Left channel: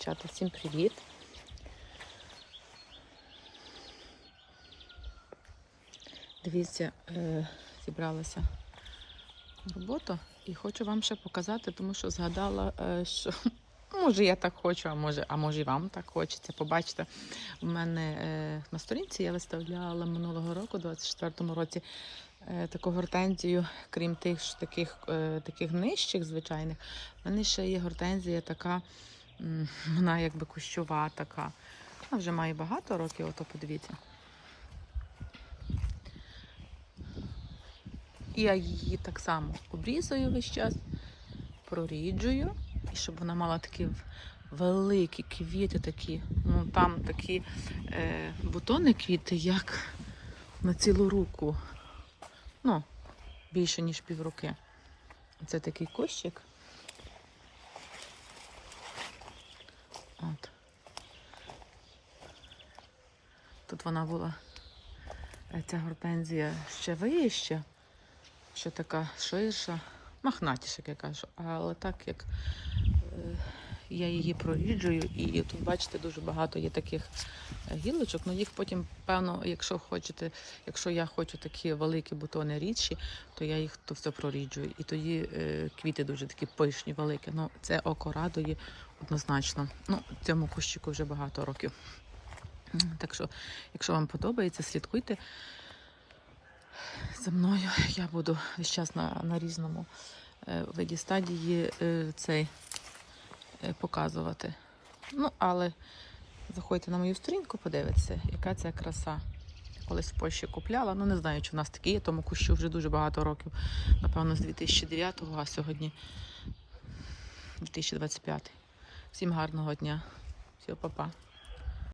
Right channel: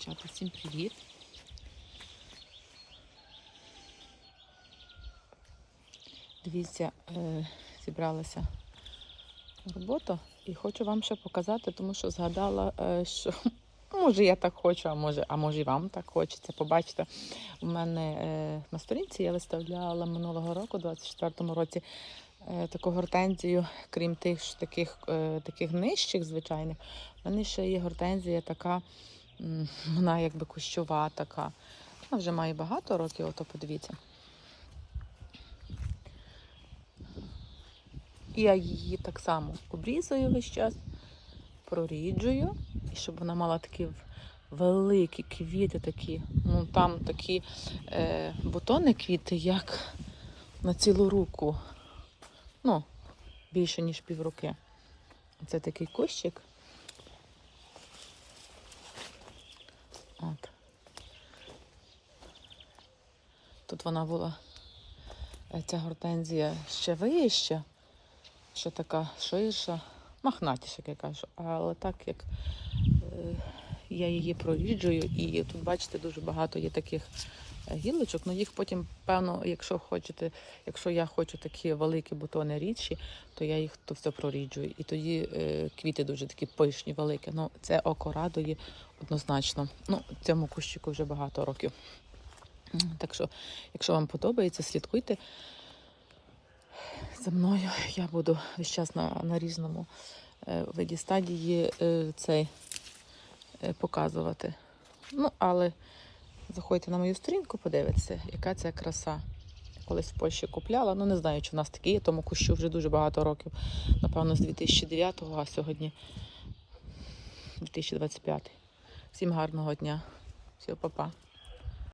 Чата, всім привіт. Дивіться, е, зібралася роботу і хочу вам ще показати, тому що згадала, е, що може я так хочу, а може, а може і вам так хочеться. Побачите, у мене е, на сторінці я виставляла минулого року, у 24-му році, таку гортензію, крім тих таких, таких нижчих, звичайних, в мене ще є гортензія така, вона якби кущова така. Вона вже має багато років, ото подивіться. Я її так само обрізую весь час, проріджую, і щоб вона мала такі великі квіти такі. Ну там такі е, бутони квіти, як на цілу руку. Ну, більше, ніж півруки. Це такий кущик. Тут вона була, е, ця гортензія ще вища, ще така ширша, махнатіша, як я кажу. Але так як е, я її проріджую, і тут, бачите, дуже багато є таких е, гілочок. Ну їх потім, певно, якщо хочете, якщо я хочу такі великі бутони рідші, то я їх то все проріджую. І тоді е, квіти дуже такі пишні, великі. Ну, це око радує однозначно. Ну, цьому кущику вже багато років. Так що, якщо вам подобається, слідкуйте за мною. Я буду весь час на, на різному е, виді стадії е, цей е, показувати. Ну, але заходьте на мою сторінку, подивитися, яка це краса. Колись в Польщі купляла. Ну, не знаю, чи у нас такі є, тому кущу вже дуже багато років. Напевно, з 2009-го, а сьогодні 2025. Всім гарного дня. Всього, па-па.